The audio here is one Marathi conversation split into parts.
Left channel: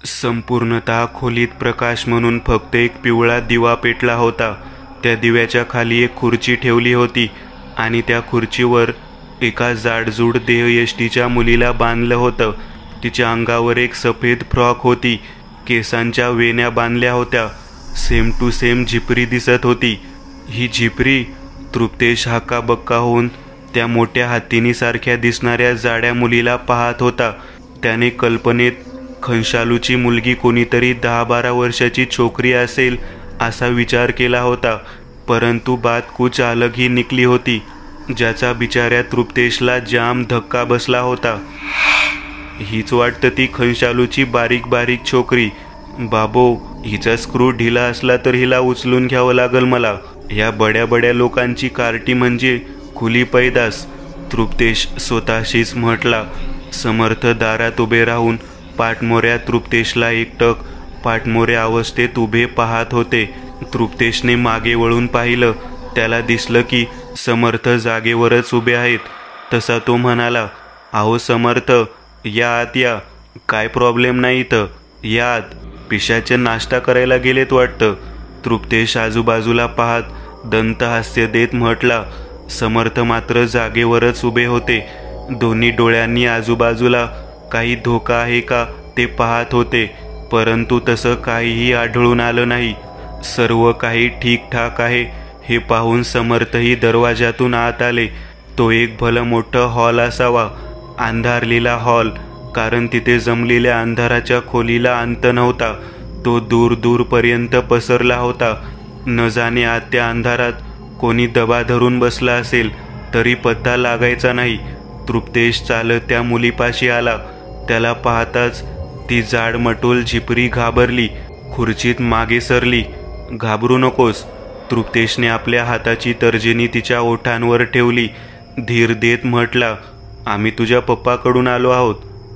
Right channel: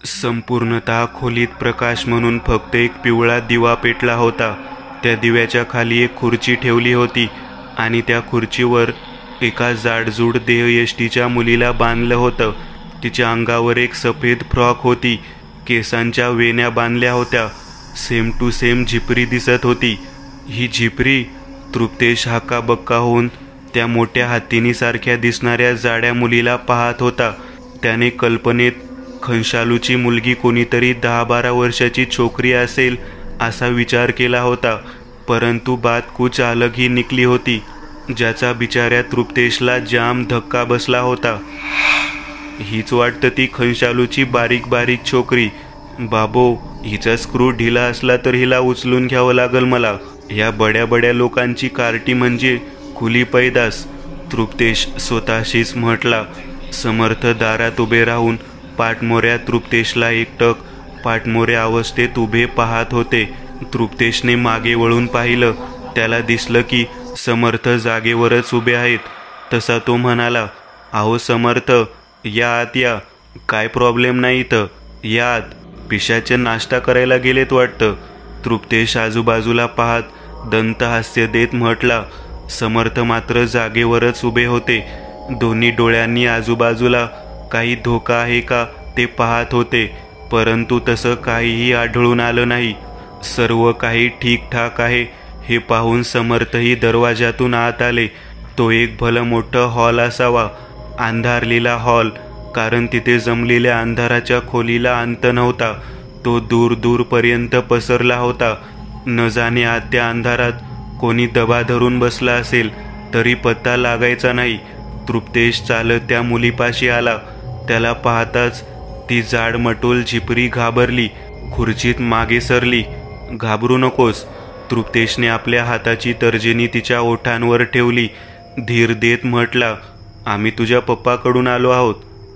संपूर्णतः खोलीत प्रकाश म्हणून फक्त एक पिवळा दिवा पेटला होता. त्या दिव्याच्या खाली एक खुर्ची ठेवली होती आणि त्या खुर्चीवर एका जाडजूड देहयष्टीच्या मुलीला बांधलं होतं. तिच्या अंगावर एक सफेद फ्रॉक होती. केसांच्या वेण्या बांधल्या होत्या. सेम टू सेम झिपरी दिसत होती. ही झिपरी? तृप्तेश हक्काबक्का होऊन त्या मोठ्या हत्तीनीसारख्या दिसणाऱ्या जाड्या मुलीला पाहत होता. त्याने कल्पनेत खंशालूची मुलगी कोणीतरी 10-12 वर्षाची छोकरी असेल असा विचार केला होता. परंतु बात कुछ अलग ही निकली होती, ज्याचा बिचाऱ्या तृप्तेशला जाम धक्का बसला होता. हीच वाटतं ती खंशालूची बारीक बारीक छोकरी. बाबो, हिचा स्क्रू ढिला असला तर हिला उचलून घ्यावं लागल मला. या बड्या बड्या लोकांची कार्टी म्हणजे खुली पैदास, तृप्तेश स्वतःशीच म्हटला. समर्थ दारात उभे राहून पाठमोऱ्या तृप्तेशला एकटक पाठमोऱ्या अवस्थेत उभे पाहत होते. तृप्तेशने मागे वळून पाहिलं. त्याला दिसलं की समर्थ जागेवरच उभे आहेत. तसा तो म्हणाला, अहो समर्थ, या आत या. काय प्रॉब्लेम नाही इथं, या आत. पिशाचे नाश्ता करायला गेलेत वाटतं. तृप्तेश आजूबाजूला पाहत दंतहास्य देत म्हटला. समर्थ मात्र जागेवरच उभे होते. दोन्ही डोळ्यांनी आजूबाजूला काही धोका आहे का ते पाहत होते. परंतु तसं काहीही आढळून आलं नाही. सर्व काही ठीकठाक आहे हे पाहून समर्थही दरवाजातून आत आले. तो एक भलं मोठं हॉल असावा, अंधारलेला हॉल, कारण तिथे जमलेल्या अंधाराच्या खोलीला अंत नव्हता. तो दूर दूरपर्यंत पसरला होता. न जाणे आत त्या अंधारात कोणी दबा धरून बसला असेल तरी पत्ता लागायचा नाही. तृप्तेश चालत त्या मुलीपाशी आला. त्याला पाहताच ती जाडमटोल झिपरी घाबरली. खुर्चीत मागे सरली. घाबरू नकोस. तृप्तेशने आपल्या हाताची तर्जनी तिच्या ओठांवर ठेवली. धीर देत म्हटला, आम्ही तुझ्या पप्पाकडून आलो आहोत.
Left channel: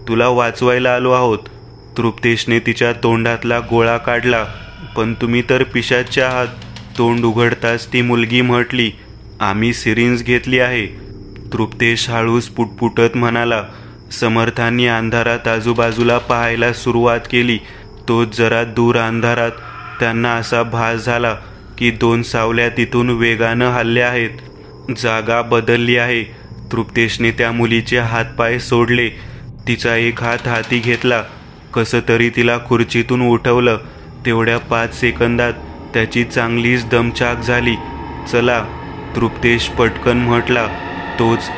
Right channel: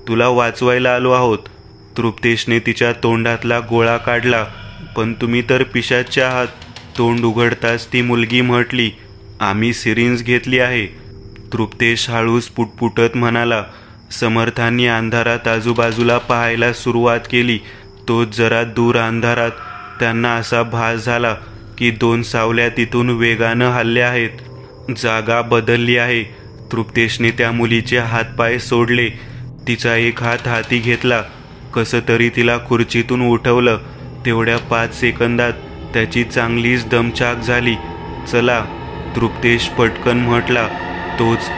तुला वाचवायला आलो आहोत. तृप्तेशने तिच्या तोंडातला गोळा काढला. पण तुम्ही तर पिशाच्चे आहात. तोंड उघडताच ती मुलगी म्हटली, आम्ही सिरिंज घेतली आहे. तृप्तेश हळूच पुटपुटत म्हणाला. समर्थांनी अंधारात आजूबाजूला पाहायला सुरुवात केली. तो जरा दूर अंधारात त्यांना असा भास झाला की 2 सावल्या तिथून वेगानं हल्ल्या आहेत. जागा बदलली आहे. तृप्तेशने त्या मुलीचे हातपाय सोडले. तिचा एक हात हाती घेतला. कसं तरी तिला खुर्चीतून उठवलं. तेवढ्या 5 सेकंदात त्याची चांगलीच दमछाक झाली. चला, तृप्तेश पटकन म्हटला. तोच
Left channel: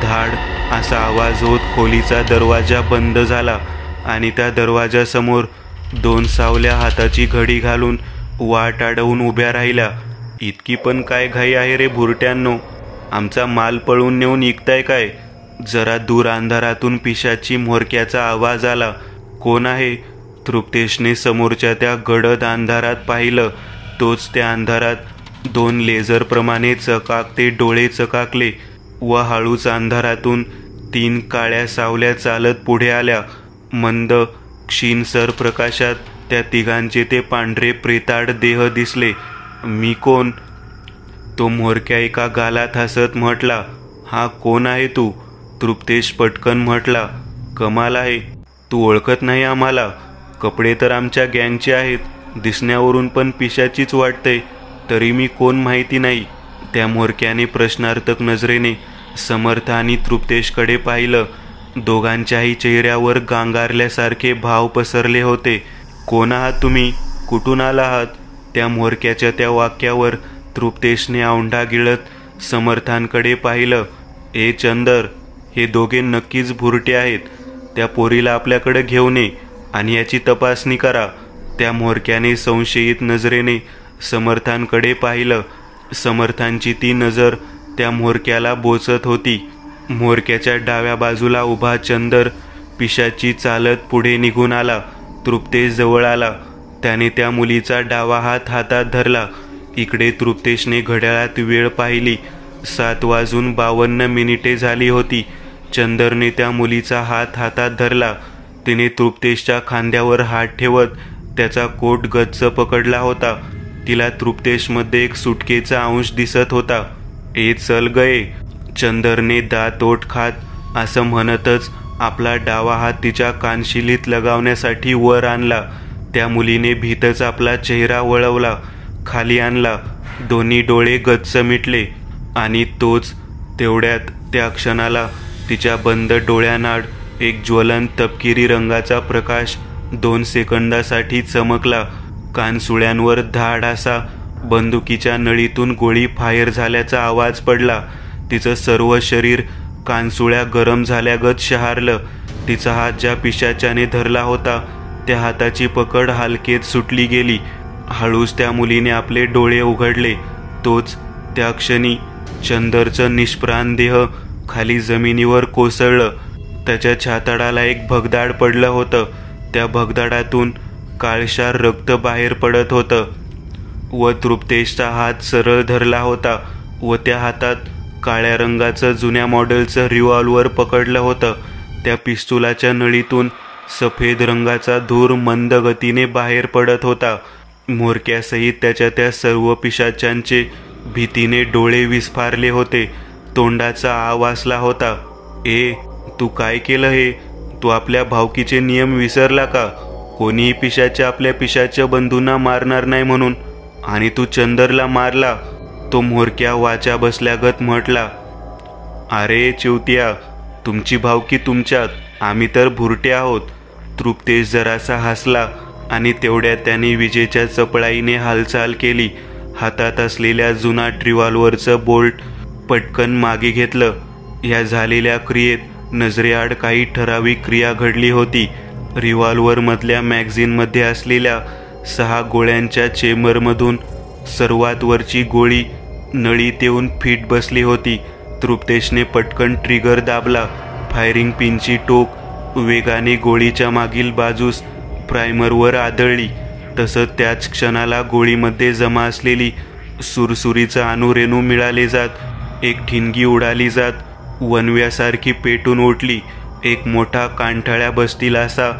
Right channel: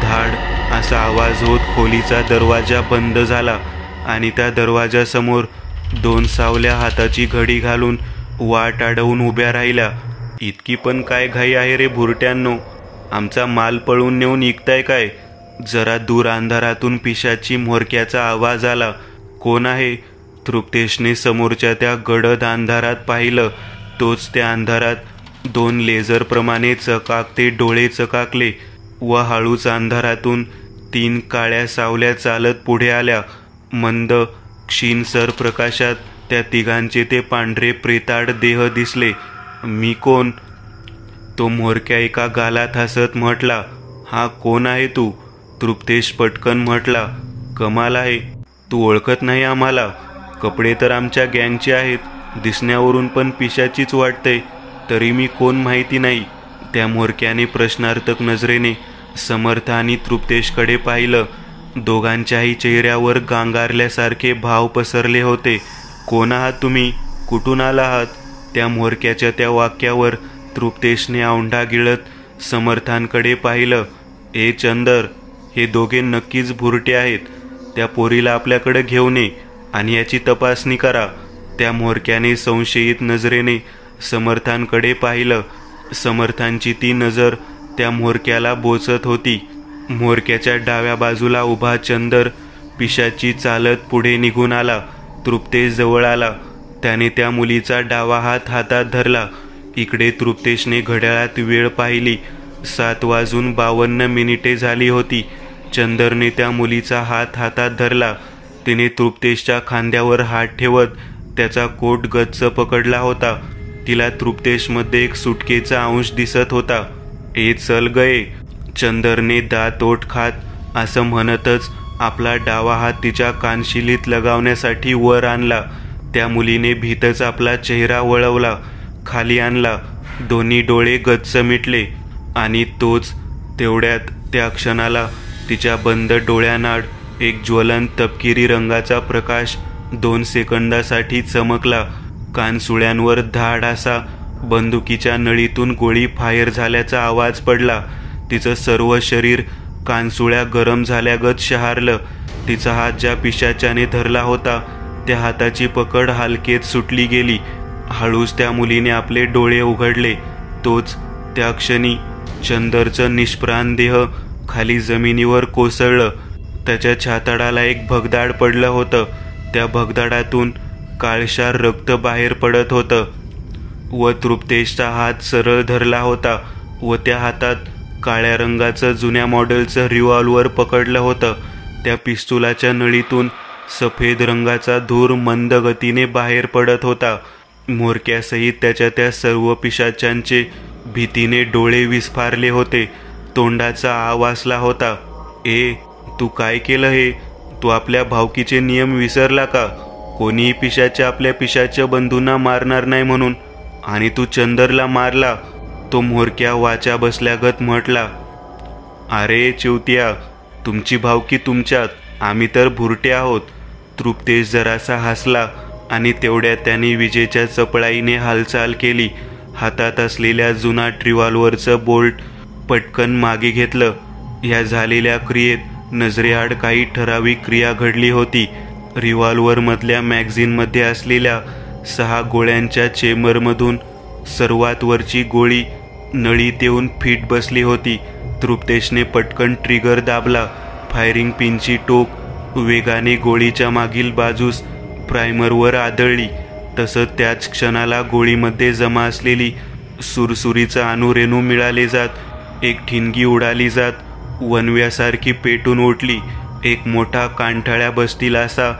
धाड असा आवाज होत खोलीचा दरवाजा बंद झाला आणि त्या दरवाजासमोर 2 सावल्या हाताची घडी घालून वाट अडवून उभ्या राहिल्या. इतकी पण काय घाई आहे रे भुरट्यांनो? आमचा माल पळून नेऊन इकताय काय? जरा दूर अंधारातून पिशाची म्होरक्याचा आवाज आला. कोण आहे? तृप्तेशने समोरच्या त्या गडद अंधारात पाहिलं. तोच त्या अंधारात 2 लेझरप्रमाणे चकाकते डोळे चकाकले व हळूच अंधारातून 3 काळ्या सावल्या चालत पुढे आल्या. मंद क्षीणसर प्रकाशात त्या तिघांचे ते पांढरे प्रेताड देह दिसले. मी कोण? तो म्होरक्या एका गालात हसत म्हटला. हा कोण आहे तू? तृप्तेश पटकन म्हटला. कमाल आहे, तू ओळखत नाही आम्हाला. कपडे तर आमच्या गँगचे आहेत. दिसण्यावरून पण पिशाचीच वाटते. तरी मी कोण माहिती नाही. त्या म्होरक्याने प्रश्नार्थक नजरेने समर्थ आणि तृप्तेशकडे पाहिलं. दोघांच्याही चेहऱ्यावर गांगारल्यासारखे भाव पसरले होते. कोण आहात तुम्ही? कुठून आला आहात? त्या म्होरक्याच्या त्या वाक्यावर तृप्तेशने औंढा गिळत समर्थांकडे पाहिलं. ए चंदर, हे दोघे नक्कीच भुरटे आहेत. त्या पोरीला आपल्याकडे घेऊन ये आणि याची तपासणी करा. त्या म्होरक्याने संशयित नजरेने समर्थांकडे पाहिलं. समर्थांची ती नजर त्या म्होरक्याला बोचत होती. म्होरक्याच्या डाव्या बाजूला उभा चंदर पिशाची चालत पुढे निघून आला. तृप्तेश जवळ आला. त्याने त्या मुलीचा डावा हात हातात धरला. इकडे तृप्तेशने घड्याळात वेळ पाहिली. 7:52 झाली होती. चंदरने त्या मुलीचा हात हातात धरला. तिने तृप्तेशच्या खांद्यावर हात ठेवत त्याचा कोट गच्च पकडला होता. तिला तृप्तेशमध्ये एक सुटकेचा अंश दिसत होता. ए चल गये, चंदरने दात ओठ खात असं म्हणतच आपला डावा हात तिच्या कानशिलीत लगावण्यासाठी वर आणला. त्या मुलीने भीतच आपला चेहरा वळवला, खाली आणला, दोन्ही डोळे गच्च मिटले आणि तेवढ्यात त्या क्षणाला तिच्या बंद डोळ्यानाड एक ज्वलंत तपकिरी रंगाचा प्रकाश 2 सेकंदासाठी चमकला. कानसुळ्यांवर धाड असा बंदुकीच्या नळीतून गोळी फायर झाल्याचा आवाज पडला. तिचं सर्व शरीर कानसुळ्या गरम झाल्यागत शहारलं. तिचा हात ज्या पिशाच्याने धरला होता त्या हाताची पकड हलकेत सुटली गेली. हळूच त्या मुलीने आपले डोळे उघडले. त्या क्षणी चंदरचं निष्प्राण देह खाली जमिनीवर कोसळलं. त्याच्या छातडाला एक भगदाड पडलं होतं. त्या भगदाडातून काळशार रक्त बाहेर पडत होतं व तृप्तेशचा हात सरळ धरला होता व त्या हातात काळ्या रंगाचं जुन्या मॉडेलचं रिव्हॉल्वर पकडलं होतं. त्या पिस्तुलाच्या नळीतून सफेद रंगाचा धूर मंद गतीने बाहेर पडत होता. म्होरक्यासहित त्याच्या त्या सर्व पिशाच्यांचे भीतीने डोळे विस्फारले होते. तोंडाचा आ वासला होता. तू काय केलं हे? तू आपल्या भावकीचे नियम विसरला का? कोणीही पिशाच्या आपल्या पिशाच्या बंधूंना मारणार नाही म्हणून, आणि तू चंदरला मारला. तो म्होरक्या वाचा बसल्यागत म्हटला. अरे चिवत्या, तुमची भावकी तुमच्यात, आम्ही तर भुरटे आहोत. तृप्तेश जरासा हसला आणि तेवढ्यात त्याने विजेच्या चपळाईने हालचाल केली. हातात असलेल्या जुनाट रिव्हॉल्वरचं बोल्ट पटकन मागे घेतलं. या झालेल्या क्रियेत नजरेआड काही ठराविक क्रिया घडली होती. रिव्हॉल्वर मधल्या मॅगझिनमध्ये असलेल्या 6 गोळ्यांच्या चेंबरमधून सर्वात वरची गोळी नळीत येऊन फिट बसली होती. तृप्तेशने पटकन ट्रिगर दाबला. फायरिंग पिनची टोक वेगाने गोळीच्या मागील बाजूस प्रायमरवर आदळली. तसंच त्याच क्षणाला गोळीमध्ये जमा असलेली सुरसुरीचं अणुरेणू मिळाले जात. एक ठिणगी उडाली जात वनव्यासारखी पेटून उठली. एक मोठा कांठाळ्या बसतील असा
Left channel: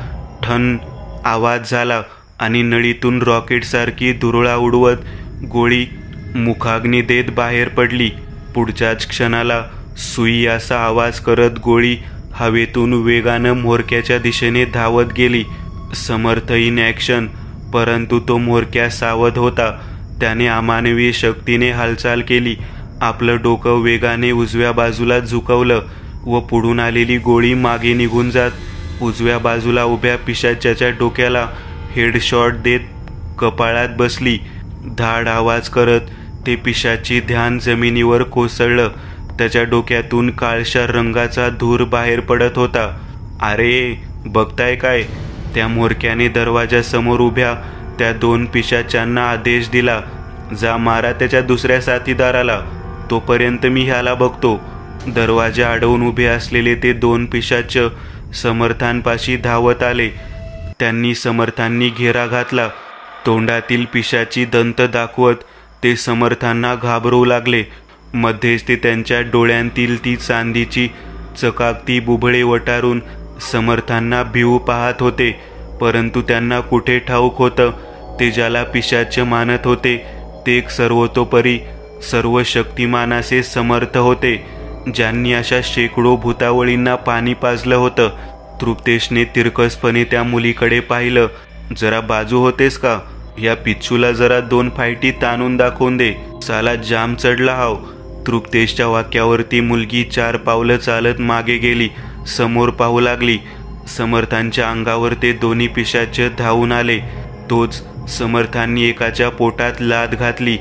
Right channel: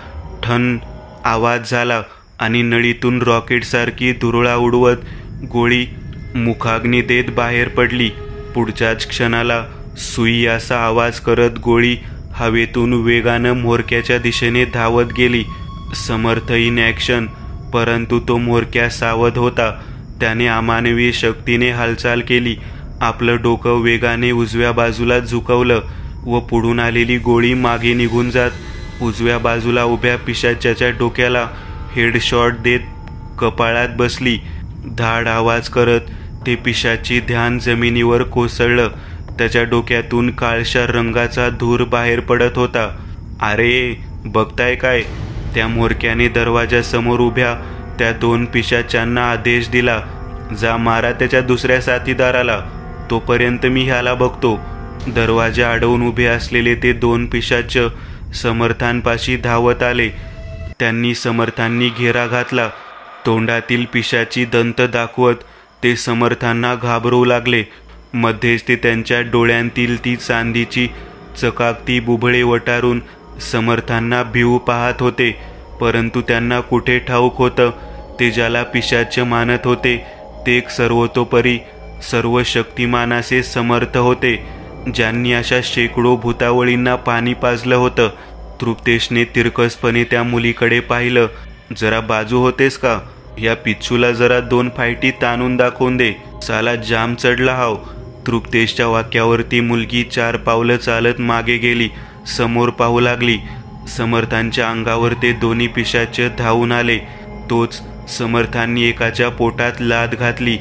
ठण आवाज झाला आणि नळीतून रॉकेटसारखी धुरळा उडवत गोळी मुखाग्नी देत बाहेर पडली. पुढच्याच क्षणाला सुई असा आवाज करत गोळी हवेतून वेगानं म्होरक्याच्या दिशेने धावत गेली. समर्थ इन ॲक्शन. परंतु तो म्होरक्या सावध होता. त्याने अमानवी शक्तीने हालचाल केली. आपलं डोकं वेगाने उजव्या बाजूला झुकवलं व पुढून आलेली गोळी मागे निघून जात उजव्या बाजूला उभ्या पिशाच्याच्या डोक्याला हेडशॉट देत कपाळात बसली. धाड आवाज करत ते पिशाची ध्यान जमिनीवर कोसळलं. त्याच्या डोक्यातून काळशार रंगाचा धूर बाहेर पडत होता. अरे बघताय काय? त्या म्होरक्याने दरवाजासमोर उभ्या त्या 2 पिशाच्यांना आदेश दिला. जा मारा त्याच्या दुसऱ्या साथीदाराला, तोपर्यंत मी ह्याला बघतो. दरवाजा अडवून उभे असलेले ते 2 पिशाच समर्थांपाशी धावत आले. त्यांनी समर्थांनी घेरा घातला. तोंडातील पिशाची दंत दाखवत ते समर्थांना घाबरवू लागले. मध्येच ते त्यांच्या डोळ्यांतील ती चांदीची चकाकती बुबळे वटारून समर्थांना भिवू पाहत होते. परंतु त्यांना कुठे ठाऊक होतं, ते ज्याला पिशाच मानत होते ते एक सर्वतोपरी सर्व शक्तिमान असे समर्थ होते, ज्यांनी अशा शेकडो भूतावळींना पाणी पाजलं होतं. तृप्तेशने तिरकसपणे त्या मुलीकडे पाहिलं. जरा बाजू होतेस का? या पिच्छूला जरा 2 फायटी ताणून दाखवून दे. साला जाम चढला हाव. तृप्तेशच्या वाक्यावरती मुलगी 4 पावलं चालत मागे गेली. समोर पाहू लागली. समर्थांच्या अंगावर ते दोन्ही पिशाच धावून आले. तोच समर्थांनी एकाच्या पोटात लाथ घातली,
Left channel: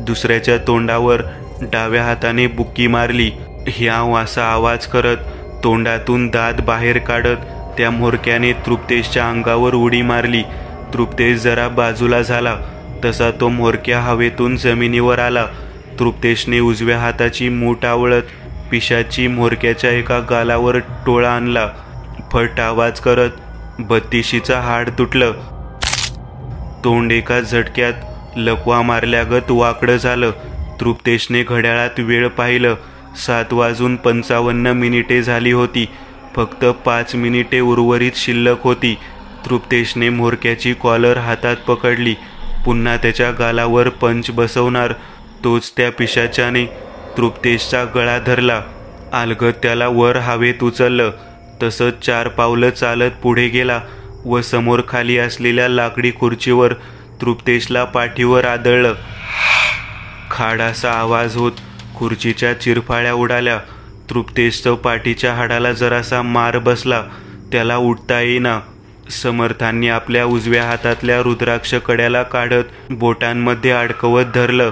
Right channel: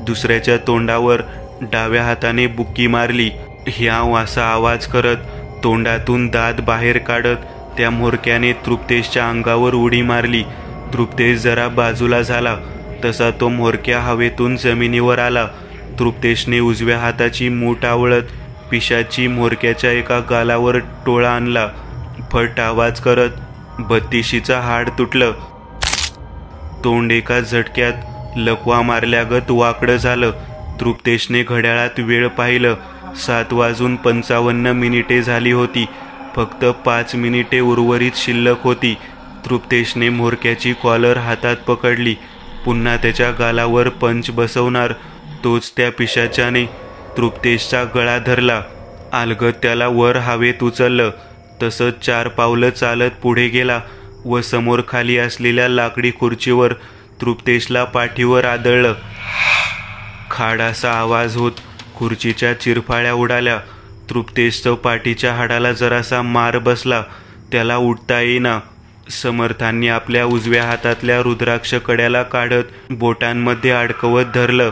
दुसऱ्याच्या तोंडावर डाव्या हाताने बुक्की मारली. ह्याव असा आवाज करत तोंडातून दात बाहेर काढत त्या म्होरक्याने तृप्तेशच्या अंगावर उडी मारली. तृप्तेश जरा बाजूला झाला तसा तो म्होरक्या हवेतून जमिनीवर आला. तृप्तेशने उजव्या हाताची मूठ आवळत पिशाची म्होरक्याच्या एका गालावर टोळा आणला. फट आवाज करत 32शीचं हाड तुटलं. तोंड एका झटक्यात लकवा मारल्यागत वाकडं झालं. तृप्तेशने घड्याळात वेळ पाहिलं. 7:55 झाली होती. फक्त 5 मिनिटे उर्वरित शिल्लक होती. तृप्तेशने म्होरक्याची कॉलर हातात पकडली. पुन्हा त्याच्या गालावर पंच बसवणार तोच त्या पिशाच्याने तृप्तेशचा गळा धरला. अलगद त्याला वर हवेत उचललं. तसंच 4 पावलं चालत पुढे गेला व समोर खाली असलेल्या लाकडी खुर्चीवर तृप्तेशला पाठीवर आदळलं. खाड असा आवाज होत खुर्चीच्या चिरफाळ्या उडाल्या. तृप्तेशचं पाठीच्या हाडाला जरासा मार बसला. त्याला उठता येईना. समर्थांनी आपल्या उजव्या हातातल्या रुद्राक्ष कड्याला काढत बोटांमध्ये अडकवत धरलं.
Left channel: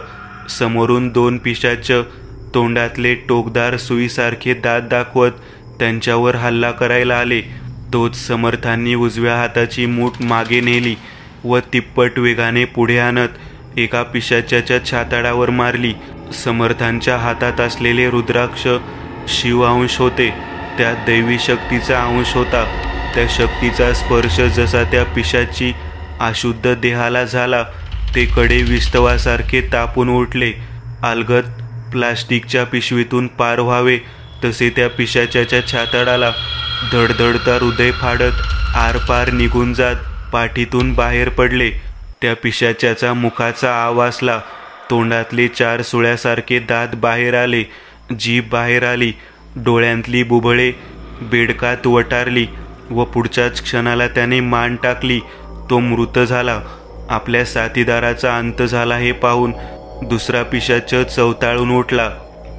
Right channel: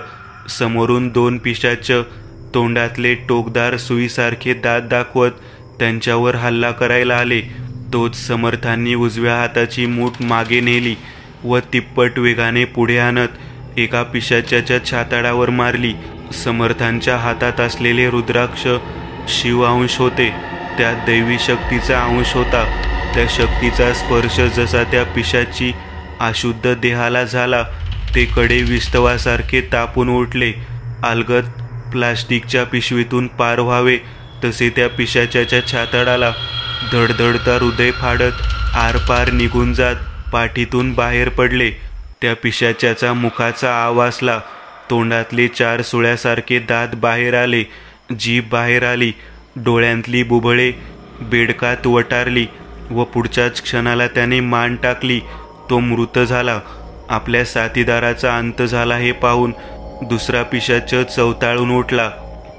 समोरून 2 पिशाच तोंडातले टोकदार सुईसारखे दात दाखवत त्यांच्यावर हल्ला करायला आले. तोच समर्थांनी उजव्या हाताची मूठ मागे नेली व तिप्पट वेगाने पुढे आणत एका पिशाच्याच्या छाताडावर मारली. समर्थांच्या हातात असलेले रुद्राक्ष शिवअंश होते. त्यात दैवी शक्तीचा अंश होता. त्या शक्तीचा स्पर्श जसा त्या पिशाची अशुद्ध देहाला झाला ते कडे विस्तवासारखे तापून उठले. अलगद प्लास्टिकच्या पिशवीतून पार व्हावे तसे त्या पिशाच्याच्या छाताडाला धडधडता हृदय फाडत आरपार निघून जात पाठीतून बाहेर पडले. त्या पिशाच्याचा मुखाचा आवासला. तोंडातले 4 सुळ्यासारखे दात बाहेर आले. जीभ बाहेर आली. डोळ्यांतली बुबळे बेडकात वटारली व पुढच्याच क्षणाला त्याने मान टाकली. तो मृत झाला. आपल्या साथीदाराचा अंत झाला हे पाहून दुसरा पिशाच चवताळून उठला.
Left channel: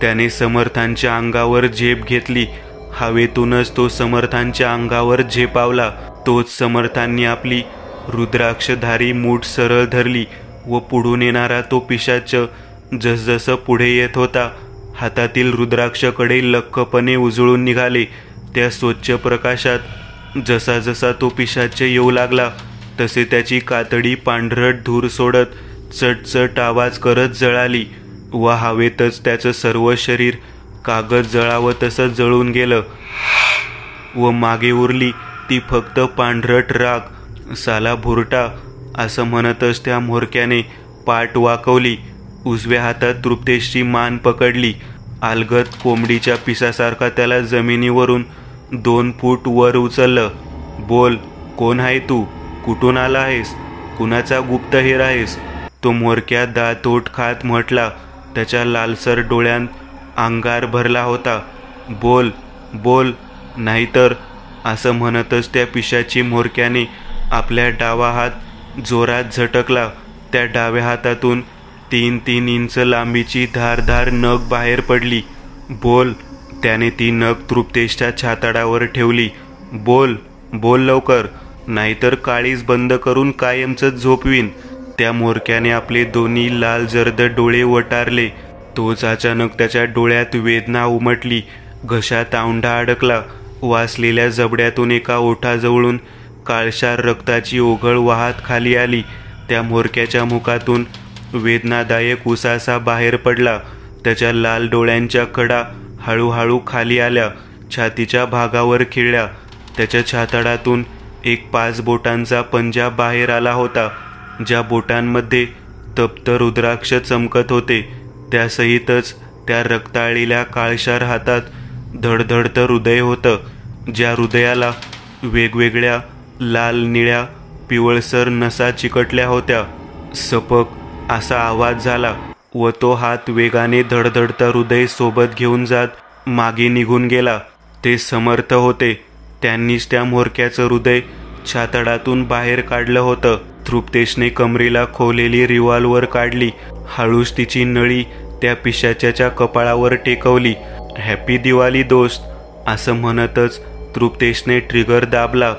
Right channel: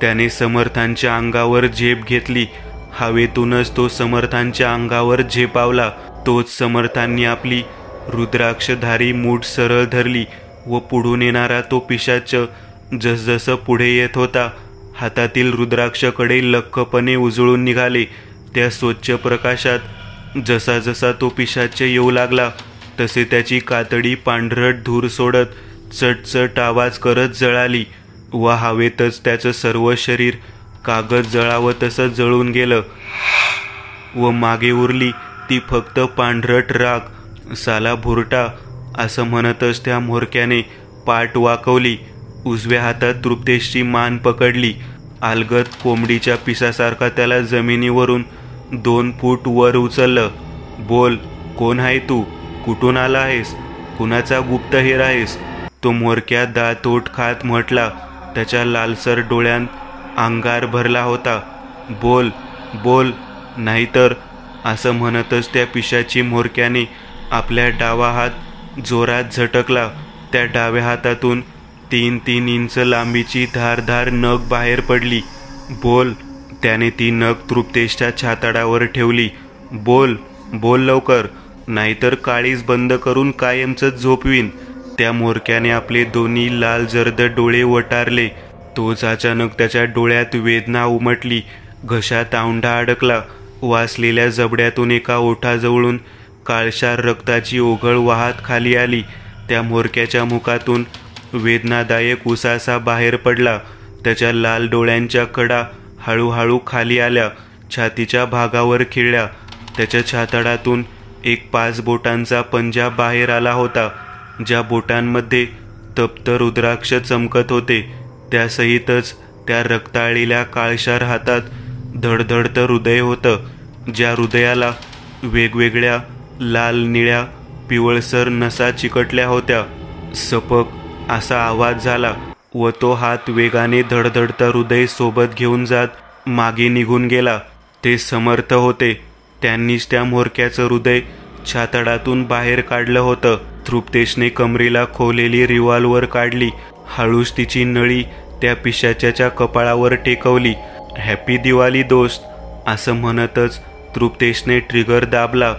त्याने समर्थांच्या अंगावर झेप घेतली. हवेतूनच तो समर्थांच्या अंगावर झेपावला. तोच समर्थांनी आपली रुद्राक्षधारी मूठ सरळ धरली व पुढून येणारा तो पिशाच जसजसं पुढे येत होता हातातील रुद्राक्षकडे लख्खपणे उजळून निघाले. त्या स्वच्छ प्रकाशात जसा जसा तो पिशाच येऊ लागला तसे त्याची कातडी पांढरट धूर सोडत चटचट आवाज करत जळाली व हवेतच त्याचं सर्व शरीर कागद जळावं तसं जळून गेलं व मागे उरली ती फक्त पांढरट राख. साला भुरटा असं म्हणतच त्या म्होरक्याने पाठ वाकवली. उजव्या हातात तृप्तेशची मान पकडली. अलगद कोंबडीच्या पिसासारखा त्याला जमिनीवरून 2 फूट वर उचललं. बोल, कोण आहे तू? कुठून आला आहेस? कुणाचा गुप्तहेर आहेस? तो म्होरक्या दातोट खात म्हटला. त्याच्या लालसर डोळ्यांत अंगार भरला होता. बोल बोल, नाहीतर, असं म्हणतच त्या पिशाची म्होरक्याने आपल्या डावा हात जोरात झटकला. त्या डाव्या हातातून 3-3 इंच लांबीची धारधार नख बाहेर पडली. बोल, त्याने ती नख तृप्तेशच्या छाताडावर ठेवली. बोल बोल लवकर, नाहीतर काळीज बंद करून कायमच झोपवीन. त्या म्होरक्याने आपले दोन्ही लाल जर्द डोळे वटारले. तोच अचानक त्याच्या डोळ्यात वेदना उमटली. घशात औंढा अडकला. वासलेल्या जबड्यातून एका ओठाजवळून काळशार रक्ताची ओघळ वाहत खाली आली. त्या म्होरक्याच्या मुखातून वेदनादायक उसासा बाहेर पडला. त्याच्या लाल डोळ्यांच्या कडा हळूहळू खाली आल्या. छातीच्या भागावर खिळल्या. त्याच्या छाताडातून एक 5 बोटांचा पंजा बाहेर आला होता. ज्या बोटांमध्ये तप्त रुद्राक्ष चमकत होते त्यासहितच त्या रक्ताळलेल्या काळशार हातात धडधडतं हृदय होतं. ज्या हृदयाला वेगवेगळ्या लाल, निळ्या, पिवळसर नसा चिकटल्या होत्या. सपक असा आवाज झाला व तो हात वेगाने धडधडतं हृदय सोबत घेऊन जात मागे निघून गेला. ते समर्थ होते. त्यांनीच त्या म्होरक्याचं हृदय छाताडातून बाहेर काढलं होतं. तृप्तेशने कमरेला खोवलेली रिव्हॉल्वर काढली. हळूच तिची नळी त्या पिशाच्याच्या कपाळावर टेकवली. हॅपी दिवाळी दोस्त, असं म्हणतच तृप्तेशने ट्रिगर दाबला.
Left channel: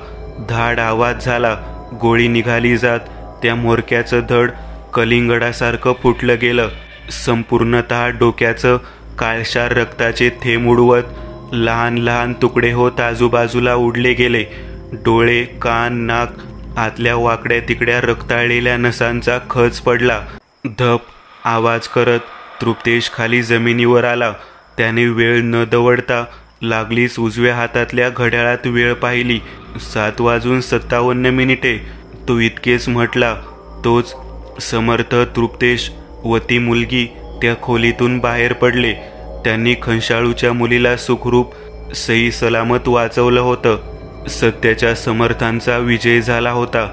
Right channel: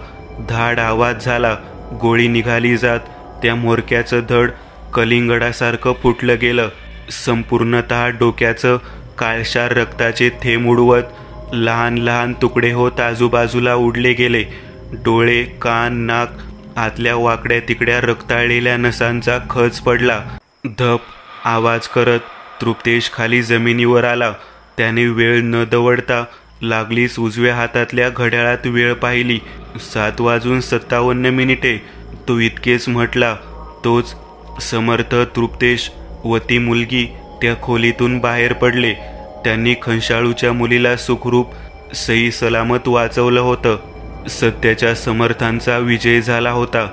धाड आवाज झाला. गोळी निघाली जात त्या म्होरक्याचं धड कलिंगडासारखं फुटलं गेलं. संपूर्णतः डोक्याचं काळशार रक्ताचे थेंब उडवत लहान लहान तुकडे होत आजूबाजूला उडले गेले. डोळे, कान, नाक, आतल्या वाकड्या तिकड्या रक्ताळलेल्या नसांचा खच पडला. धप आवाज करत तृप्तेश खाली जमिनीवर आला. त्याने वेळ न दवडता लागलीच उजव्या हातातल्या घड्याळात वेळ पाहिली. 7:57 तो इतकेच म्हटला. तोच समर्थ तृप्तेश व ती मुलगी त्या खोलीतून बाहेर पडले. त्यांनी खंशाळूच्या मुलीला सुखरूप सही सलामत वाचवलं होतं. सत्याच्या समर्थांचा विजय झाला होता.